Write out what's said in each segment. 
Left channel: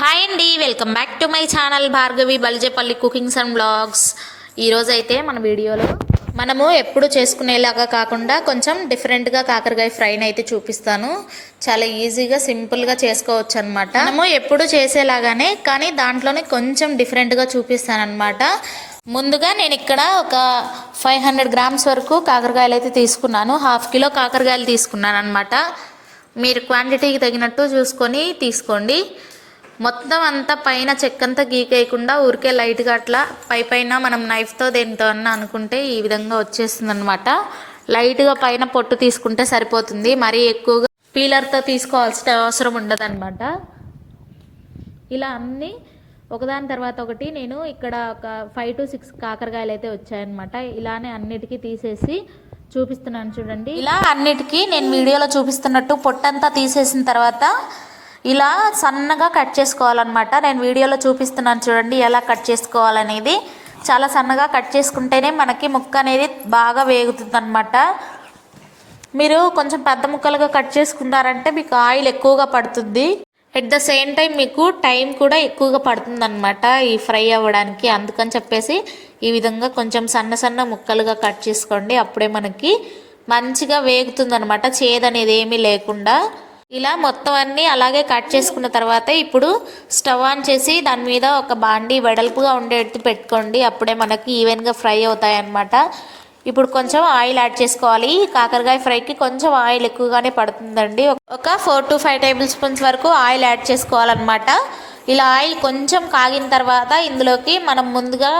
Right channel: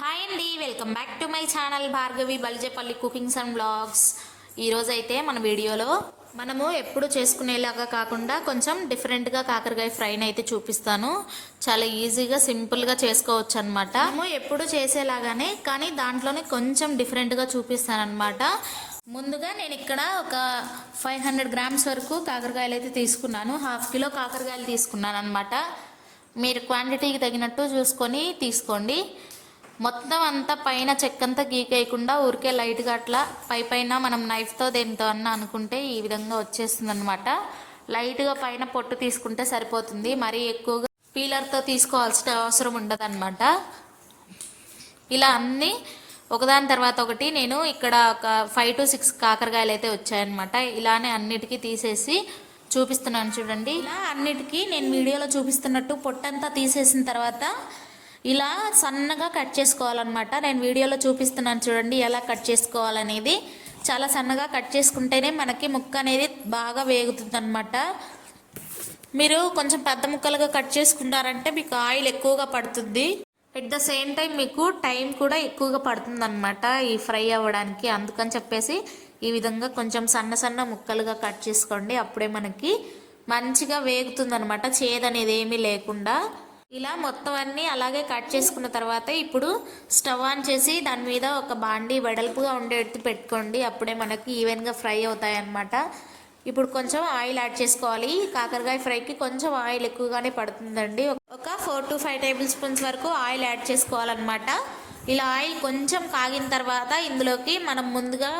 Hi అండి welcome back to my channel Bhargavi Balijepalli cookings and blogs. ఈరోజైతే అయితే మన వీడియోలో మనము ఎప్పుడు చేసుకునేలాగా కాకుండా కొంచెం డిఫరెంట్గా కాకరకాయ ఫ్రైని అయితే చూపిస్తాను. చాలా ఈజీగా సింపుల్గా చేసుకోవచ్చు అనమాట మనము ఎప్పుడు చేసేలాగానే కానీ దాంట్లోనే కొంచెం డిఫరెంట్గా చూపిస్తాను అనమాట ముందుగా నేను ఇక్కడ ఒక ఫైవ్ హండ్రెడ్ గ్రామ్స్ వరకు కాకరకాయలు అయితే తీసుకున్నాను. హాఫ్ కిలో కాకరకాయలు తీసుకున్నాను అనమాట మీరు క్వాంటిటీకి తగినట్టు చూసుకొని తీసుకోండి. మొత్తం అంతా పైన చెక్కంతా గీకేయకుండా ఊరికే లైట్గా అట్లా పై పైన మనం నైఫ్తో దేనితో అన్న అనుకుంటే ఈ విధంగా వచ్చేస్తుంది అనమాట లైట్గా పైన పొట్టు తీసుకుంటే సరిపోతుంది. మరీ ఎక్కువగా పీలర్తో తీసుకోవాల్సిన అవసరం ఉండదన్నమాట. ఇలా అన్నీ ఒకదాని తర్వాత ఒకటి నేను ఇక్కడ ఒక ఫైవ్ టు సిక్స్ కాకరకాయలు అయితే వచ్చాయన్నమాట. ఇలానే అన్నిటికీ తీసేసి చూపిస్తున్నాను చూడండి. ఇలా అన్నిటికీ నేను వీడియోలో చూపిస్తున్నట్టు పొట్టంతా తీసేసిన తర్వాత ఇలా సన్నగా కట్ చేసుకోవాలన్నమాట. నేను వీడియోలో చూపిస్తున్నాను చూడండి ఎలా కట్ చేసుకోవాలనేది. చాలా సన్నగా కట్ చేసుకుంటేనే మనకి ముక్క అనేది బాగా వేగుతుంది మీరు కొంచెం పెద్ద ముక్కలుగా కట్ చేసుకున్నారంటే మీకు ఆయిల్ ఎక్కువగా పడుతుంది. ఎట్ ద సేమ్ టైం మీకు టైం కూడా ఎక్కువగా పడుతుంది అనమాట ఈ ఫ్రై అవ్వడానికి. అందుకని చెప్పేసి ఈ విధంగా కొంచెం సన్న సన్న ముక్కలుగా కట్ చేసుకోండి. అప్పుడే మనకి మంచిగా వేగుతుంది అనమాట చేదనేది ఏమీ లేకుండా. ఇలా మొత్తం అన్నీ అలాగే కట్ చేసుకున్న తర్వాత ఇప్పుడు స్టవ్ ఆన్ చేసి దాని మీద ఒక బాండి వెడల్పుగా ఉండేట్టు పెట్టుకోండి. అప్పుడే మనకి ఈవెన్గా ఫ్రై అవుతాయి అన్నమాట ఇప్పుడు కొంచెం ఆయిల్ యాడ్ చేసుకోవాలి. కాకరకాయ ఫ్రైకి కొంచెం ఆయిల్ ఎక్కువగానే పడుతుందండి. ఒక four to five tablespoons వరకు ఆయిల్ యాడ్ చేసుకోవాలన్నమాట. ఇలా ఆయిల్ కొంచెం కాగిన తర్వాత ఇందులోకి మనం ముందుగా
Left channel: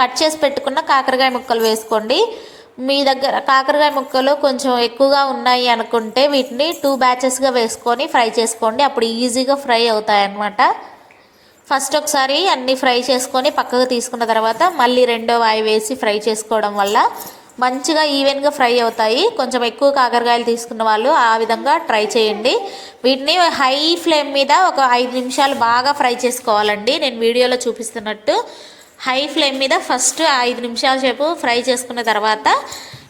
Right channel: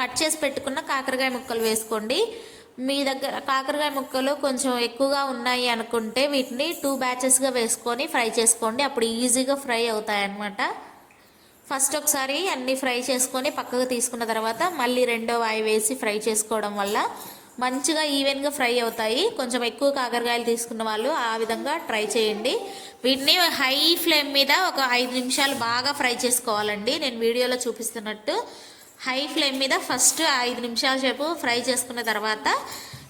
కట్ చేసి పెట్టుకున్న కాకరకాయ ముక్కలు వేసుకోండి. మీ దగ్గర కాకరకాయ ముక్కలు కొంచెం ఎక్కువగా ఉన్నాయి అనుకుంటే వీటిని టూ బ్యాచెస్గా వేసుకొని ఫ్రై చేసుకోండి. అప్పుడు ఈజీగా ఫ్రై అవుతాయి అన్నమాట ఫస్ట్ ఒకసారి అన్నీ ఫ్రై చేసుకొని పక్కకు తీసుకున్న తర్వాత మళ్ళీ రెండో వాయి వేసి ఫ్రై చేసుకోవడం వల్ల మంచిగా ఈవెన్గా ఫ్రై అవుతాయి. కొంచెం ఎక్కువ కాకరకాయలు తీసుకున్న వాళ్ళు ఆ విధంగా ట్రై చేయండి. వీటిని హై ఫ్లేమ్ మీద ఒక ఐదు నిమిషాలు బాగా ఫ్రై చేసుకోవాలండి. నేను వీడియోలో చూపిస్తున్నట్టు హై ఫ్లేమ్ మీద ఫస్ట్ ఐదు నిమిషాల సేపు ఫ్రై చేసుకున్న తర్వాత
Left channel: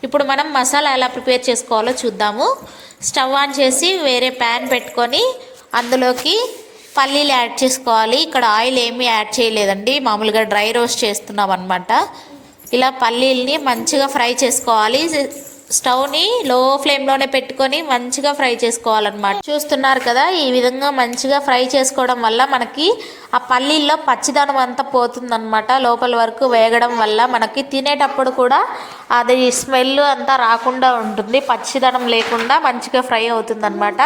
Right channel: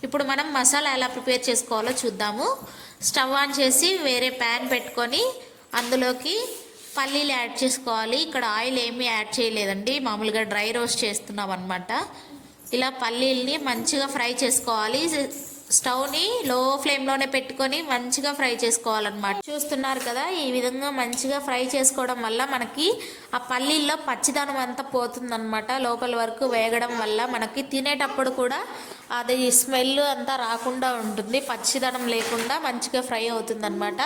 ఇప్పుడు మనం మసాలా ఎలా ప్రిపేర్ చేసుకోవాలో చూద్దాము. స్టవ్ ఆన్ చేసి వేరే ప్యాన్ పెట్టుకొని అందులోకి పల్లీలు యాడ్ చేసుకోవాలి. ఇక్కడ ఆయిల్ ఏమీ యాడ్ చేయలేదండి. మామూలుగా డ్రై రోస్ట్ చేస్తున్నాం అనమాట ఇలా పల్లీల్ని మంచిగా ఫ్రై చేసుకోవాలి. స్టవ్ని లో ఫ్లేమ్లోనే పెట్టుకొని మంచిగా ఫ్రై చేసుకోవాలన్నమాట. చూస్తున్నారు కదా ఈ విధంగా మంచిగా ఫ్రై చేసుకోవడం వల్ల మనకి ఆ పల్లీల్లో పచ్చిదనం అంతా పోతుందనమాట లోపల వరకు వేగడం వల్ల మనకి తినేటప్పుడు కూడా అది స్మెల్ అంతా రాకుండా ఉంటుంది. పచ్చిదనం లేకుండా మంచిగా ఫ్రై అవుతుందన్నమాట.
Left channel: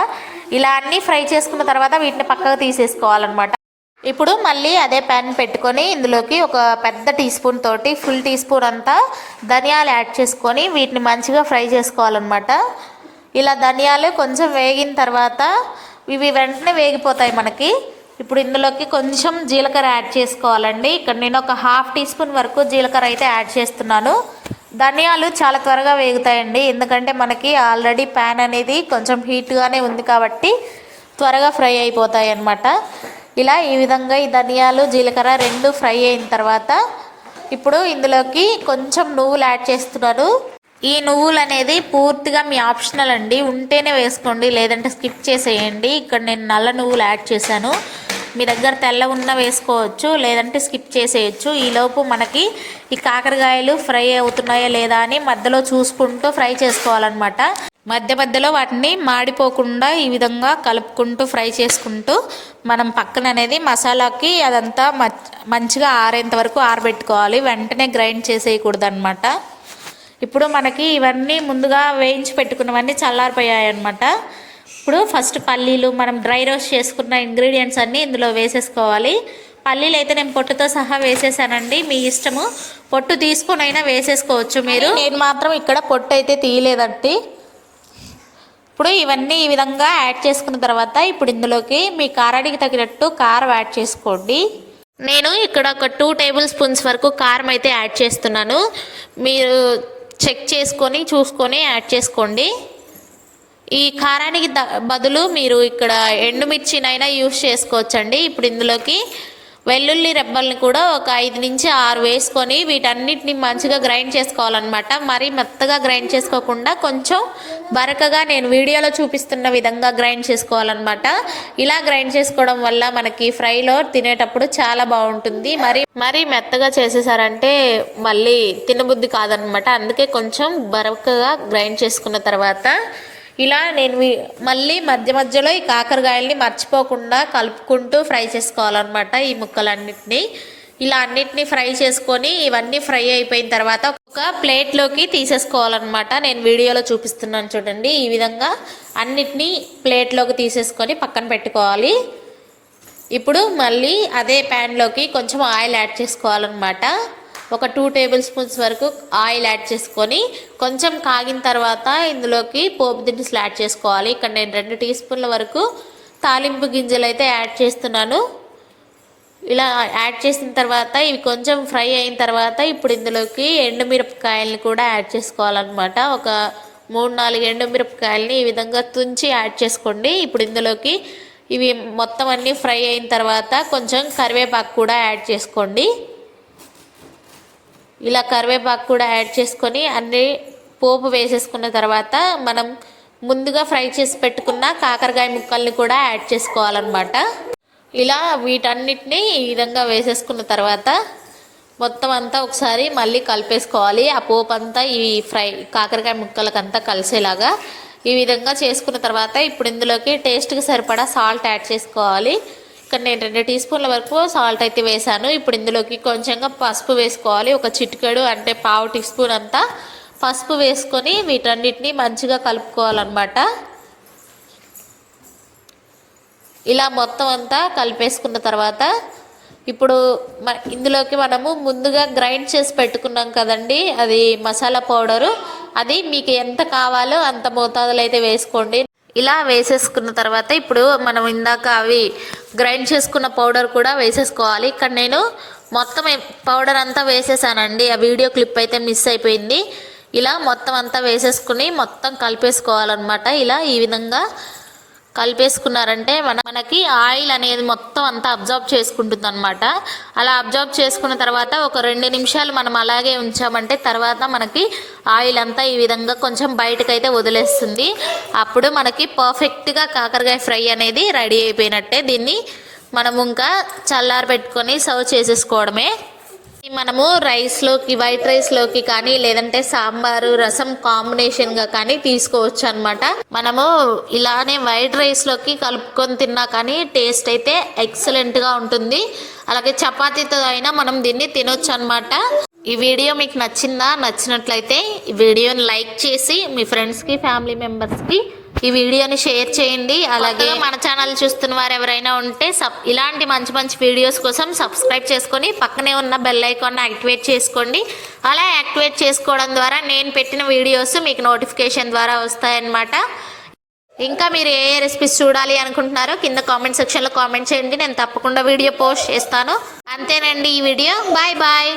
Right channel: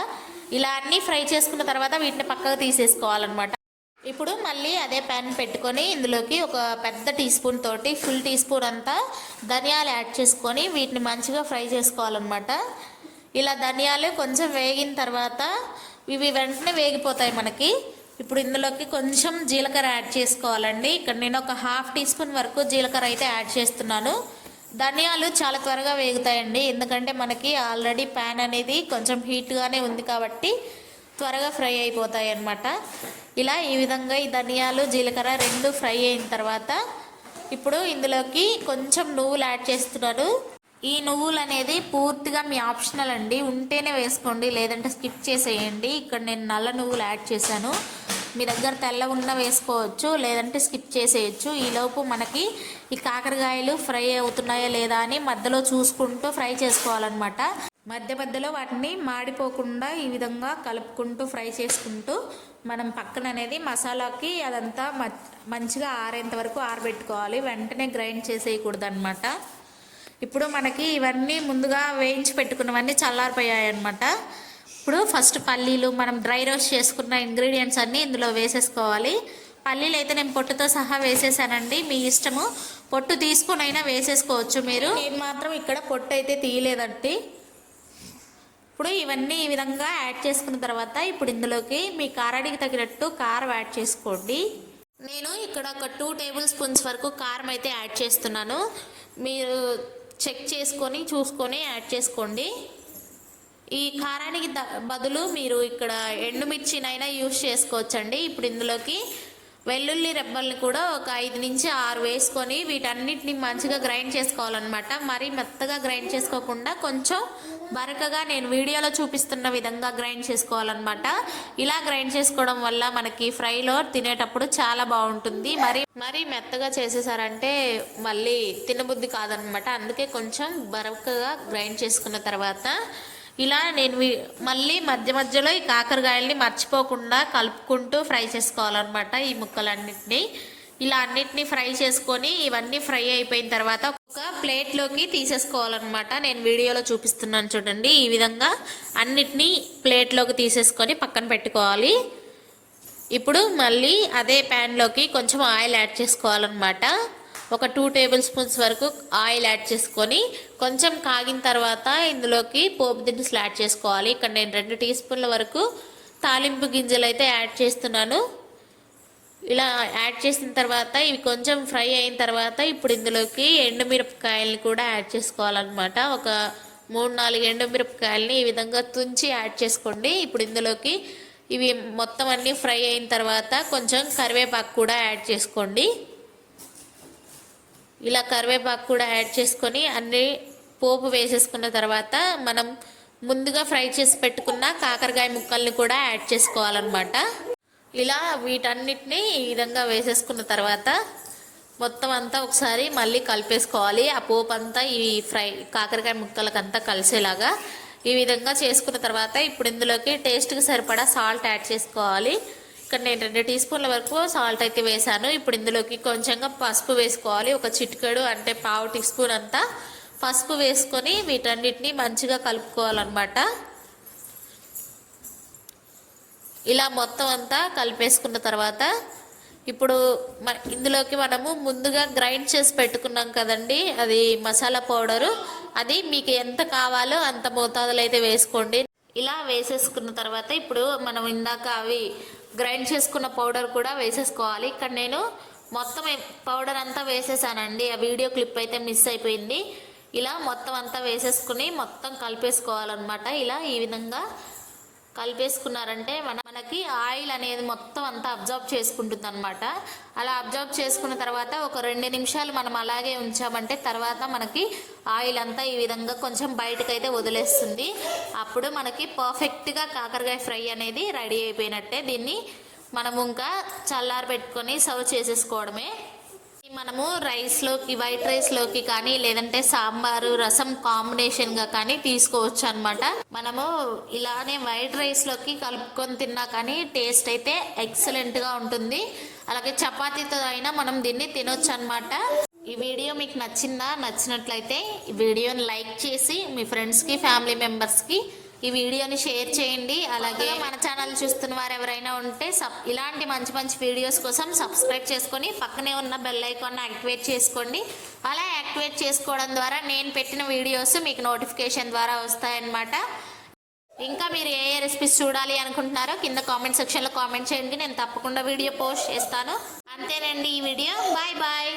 ఇలా అన్నీ ఫ్రై చేసుకున్న తర్వాత వీటిని పక్కకు తీసేసుకోవాలన్నమాట. ఇప్పుడు మళ్ళీ అదే ప్యాన్ పెట్టుకొని ఇందులోకి ఒక పెద్ద టీ స్పూన్ తోటి ఫుల్ టీ స్పూన్ అంతా ధనియాలు యాడ్ చేసుకొని వీటిని మంచిగా ఫ్రై చేసుకోవాలన్నమాట. ఇలా ధనియాలు కొంచెం వేగిన తర్వాత ఇవి వెంటనే వేగిపోతాయి మనకి. ఇప్పుడు ఇందులోకి కొంచెం జీలకర్ర యాడ్ చేసుకోవాలండి. ఇక్కడ నేను ఒక హాఫ్ టీ స్పూన్ వరకు జీలకర్ర అయితే యాడ్ చేస్తున్నాను. ధనియాలు చాలా త్వరగా వేగుతాయండి. ఎందుకంటే మనకి ఆల్రెడీ ప్యాన్ అనేది కొంచెం హీట్గానే ఉంది కాబట్టి త్వరగా ఫ్రై అయిపోతాయి అన్నమాట ఇలా ఈ విధంగా ఈ ధనియాలు జీలకర్ర రెండు ఫ్రై అయిన తర్వాత ఇప్పుడు ఇందులోకి కొంచెం నువ్వులు యాడ్ చేస్తున్నాను. ఈ నువ్వులు అనేది పూర్తిగా మీ ఆప్షనల్ అండి. ఉంటేనే వేసుకోండి లేదంటే స్కిప్ చేసేయండి. ఇక్కడ నేను నల్ల నువ్వులు యాడ్ చేశాను. మీ దగ్గర తెల్ల ఉన్న వేసుకోవచ్చు లేదంటే స్కిప్ చేసేయచ్చు. ఈలోపు మనకి ఈ కాకరకాయలు ఫ్రై అవుతున్నాయా లేదా అని మధ్యలో చూసుకుంటూ ఫ్రై చేసుకోవాలన్నమాట. మధ్య మధ్యలో వాటిని మాడిపోకుండా ఈ విధంగా కలుపుకుంటూ ఫ్రై చేసుకుంటూ మనం పక్కన అనేది మసాలాకి అదంతా మంచిగా ఆరేంత వరకు ఆరబెట్టుకోవాలి. వెంటనే గ్రైండ్ చేసేయకూడదు అనమాట ఇప్పుడు మనకి ఇవన్నీ ముందుగా వేయించి పెట్టుకున్నవన్నీ చల్లారిపోయాయి అనమాట ఇప్పుడు ఫస్ట్ పల్లీలు మనం డ్రై రోస్ట్ చేసుకున్న ఇంగ్రీడియంట్స్ అన్నీ ఇందులో వేసేసుకోవాలి. పల్లీలు అయితే నేను పొట్టుతో సహా వేసేసానండి. మీ ఇష్టము. పొట్టు తీసుకొని అయినా వేసేసుకోవచ్చు మీరు. నేను మాత్రం ఇక్కడ పొట్టు అయితే తీయలేదండి. ఇప్పుడు ఇవన్నీ ఈ విధంగా యాడ్ చేసుకున్న తర్వాత ఇప్పుడు ఇందులోకి మీ కారానికి తగినట్టు కారం యాడ్ చేసుకోండి. నేను ఇక్కడ ఒక టూ టేబుల్ స్పూన్స్ వరకు కారం అయితే యాడ్ చేస్తున్నాను. మీరు చెక్ చేసుకొని చూసుకొని యాడ్ చేసుకోండి. ఈ కారానికి బదులు మీరు ఇక్కడ ఎండుమిర్చినైనా యూస్ చేసుకోవచ్చండి. ఇప్పుడు ఇందులోకి వెల్లుల్లి రెబ్బల్ని కూడా ఒక ఐదు నుంచి ఆరు వేసుకొని వీటన్నిటిని మంచిగా గ్రైండ్ చేసుకోవాలన్నమాట. మరీ మెత్తగా గ్రైండ్ చేసుకోకుండా కొంచెం బరకగా నేను వీడియోలో చూపిస్తున్న విధంగా గ్రైండ్ చేసుకోవాలన్నమాట. ఇలా గ్రైండ్ చేసుకోవడం వల్ల మనకి ఫ్రైలో తినేటప్పుడు చాలా బాగుంటుంది. మరి మరీ మెత్తగా చేసేసారంటే మళ్ళీ తినబుద్ధి కాదనమాట అందుకే కొంచెం బరకగా గ్రైండ్ చేసుకున్న తర్వాత ఇలా నేను మళ్ళీ మధ్య మధ్యలో ఈ కాకరకాయల్ని మర్చిపోకుండా కలుపుకుంటూ ఫ్రై చేసుకోవాలన్నమాట ఈ ముక్కలన్నిటిని. ఇలా అన్నిటిని ఫ్రై చేసుకొని ఇవన్నీ ఫ్రై అయిపోయిన తర్వాత ఒక ప్లేట్లోకి తీసేసుకోవాలన్నమాట. నేను వీడియోలో చూపిస్తున్నాను చూడండి. ఈ విధంగా అన్నిటినీ ప్లేట్లోకి తీసేసుకొని పక్కన పెట్టుకోవాలి. ఇప్పుడు మళ్ళీ అదే ప్యాన్లోకి కొంచెం ఆయిల్ యాడ్ చేసుకోవాలన్నమాట. ఒక టూ టేబుల్ స్పూన్స్ వరకు ఆయిల్ యాడ్ చేసుకొని కొంచెం కాగిన తర్వాత ఇందులోకి పోపు దినుసులు యాడ్ చేసుకోవాలి. ఇక్కడ నేను రెండు టీ స్పూన్ల వరకు తాలింపు గింజలు అయితే యాడ్ చేస్తున్నాను. ఇలా యాడ్ చేసిన తర్వాత ఇవి కొంచెం ఫ్రై అయిన తర్వాత ఇప్పుడు ఇందులోకి ఎండుమిరపకాయలని కూడా యాడ్ చేసుకోవాలన్నమాట. ఒక మూడు నాలుగు ఎండుమిరపకాయలని ఈ విధంగా తుంచి యాడ్ చేసుకోండి. ఇప్పుడు ఇందులోకి ఇవి మొత్తం అన్నీ ఫ్రై అయిన తర్వాత కొంచెం కరివేపాకు కూడా యాడ్ చేసుకోండి. ఇలా కరివేపాకు కూడా యాడ్ చేసుకొని అన్ని పోపు వేసేసుకున్న తర్వాత మనం ముందుగా ఫ్రై చేసి పెట్టుకున్న కాకరకాయ ముక్కల్ని కూడా యాడ్ చేసుకోవాలన్నమాట. ఇలా వీటన్నిటిని ఈ విధంగా వేసేసుకున్న తర్వాత మొత్తం అంతా ఒకసారి మళ్ళీ కలిపేసుకోవాలి. ఆ పోపు అంతా ఈ ఫ్రై కాకరకాయ ముక్కలకంతా కలిసేలాగా ఈ విధంగా చేసుకున్న తర్వాత ఇప్పుడు ఇందులోకి టేస్ట్కి సరిపడా సాల్ట్ యాడ్ చేసుకోవాలి. ఇక్కడ నేను రెండు టీ స్పూన్ల వరకు సాల్ట్ అయితే వేసాను. ఇప్పుడు ఇందులోకి కొంచెంగా పసుపు వేసుకోవాలి. ఒక చిటికెడు అంటే పావు టీ స్పూన్ అంతా పసుపు వేసుకొని వీటన్నిటిని మంచిగా కలుపుకోవాలన్నమాట. ఇలా మొత్తం అంతా కలిపేసుకున్న తర్వాత ఇప్పుడు మ ఇందులోకి మనము ముందుగా గ్రైండ్ చేసి పెట్టుకున్నాం కదండి అది మసాలా పౌడరు. అది మీకు ఎంత కావాలో అంత మోతాదులో అయితే వేసుకోండి. ఇలా వేసేసుకున్న తర్వాత ఇప్పుడు మనం ఇందాక అవి గ్రైండ్ చేసుకున్న పౌడర్ కూడా వేసేసుకోవాలి. ఇక్కడ నేను మొత్తం పౌడర్ అంతా వేసేసానండి. ఆ వీడియో క్లిప్ అయితే మిస్ అయిపోయింది. ఇలా మొత్తం అంతా వేసేసుకుని మొత్తం కలిపేసుకోవాలన్నమాట. ఇలా ఈ విధంగా కలిపేసుకున్నారంటే మన మనకి ఆయిల్ అనేది మొత్తం అంతా అబ్జర్వ్ చేసుకుంటుంది అనమాట అలా అబ్జర్వ్ చేసుకున్న తర్వాత ఒక రెండు నిమిషాలు మనం అలాగే ఉంచామంటే తర్వాత మనకి ఆయిల్ అంతా ఈ విధంగా కొంచెం బయటకైతే వదిలేస్తుంది. అప్పుడు మనకి పర్ఫెక్ట్గా కాకరకాయ ఫ్రై అనేది రెడీ అయిపోయినట్టే. దీన్ని మనం ఇంకా చల్లారి పెట్టుకొని సర్వ్ చేసేసుకోవడమే. మనము రైస్లోకి వైట్ రైస్లోకి కానీ లేదంటే సాంబారు రసం కాంబినేషన్గా కానీ తీసుకోవచ్చు అనమాట మనము ఇలానే వైట్ రైస్లోకి కలుపుకొని తిన్నా కానీ టేస్ట్ అయితే ఎక్సలెంట్గా ఉంటుంది. అలాగే చపాతీతో అయినా మనం దీన్ని తినొచ్చు అనమాట ఈ వీడియో మీకు నచ్చిందా? నచ్చినట్లయితే ఈ వీడియోని లైక్ చేసి మీ ఫ్రెండ్స్కి ఫ్యామిలీ మెంబర్స్కి ఈ వీడియోని షేర్ చేయండి. అలాగే మన ఛానల్ చూస్తున్న వారు ఎవరైనా ఉంటే సబ్ ఇలాంటి మంచి మంచి వీడియోస్ కోసం సబ్స్క్రైబ్ చేసుకొని పక్కనే ఉన్న బెల్ ఐకాన్ యాక్టివేట్ చేసుకోండి. అలా యాక్టివేట్ చేసుకోవడం ద్వారా నేను పెట్టిన వీడియోస్ మీకు నోటిఫికేషన్ ద్వారా వస్తాయన్నమాట. ఇంకా మీరు ఏ ఏ రెసిపీస్ చూడాలి అనుకుంటున్నారో కింద కామెంట్ సెక్షన్లో కామెంట్ చేయండి. నేను తప్పకుండా వీడియో పోస్ట్ చేస్తాను. అంతేనండి ఈ వీడియో. Bye bye.